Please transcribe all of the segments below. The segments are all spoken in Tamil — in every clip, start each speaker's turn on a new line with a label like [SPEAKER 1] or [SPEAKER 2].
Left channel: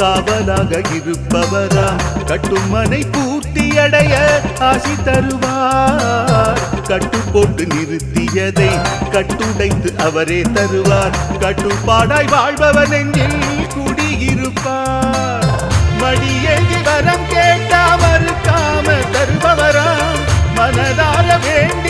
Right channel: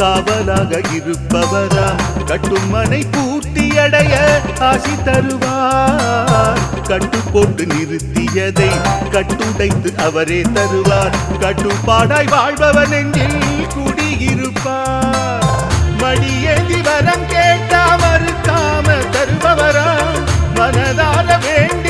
[SPEAKER 1] காவலாக இருப்பவராம். கட்டுமனை பூர்த்தி அடைய ஆசி தருவார். கட்டு போட்டு நிறுத்தியதை கட்டுடைத்து அவரே தருவார். கட்டுப்பாடாய் வாழ்பவன் எங்கில் குடியிருப்பார். மடியேந்தி வரம் கேட்டா மறுக்காம தருபவராம். மனதார வேண்டி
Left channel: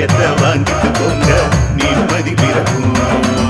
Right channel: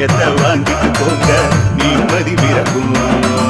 [SPEAKER 1] புளியத்தை வாங்கிட்டு போங்க? நிம்மதி பிறக்கும்.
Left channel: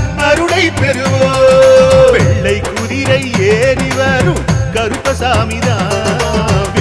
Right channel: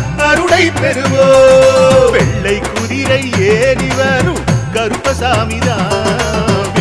[SPEAKER 1] அருளை பெறுவோம் வெள்ளை குதிரை ஏறி வரும் கருப்பசாமிதான்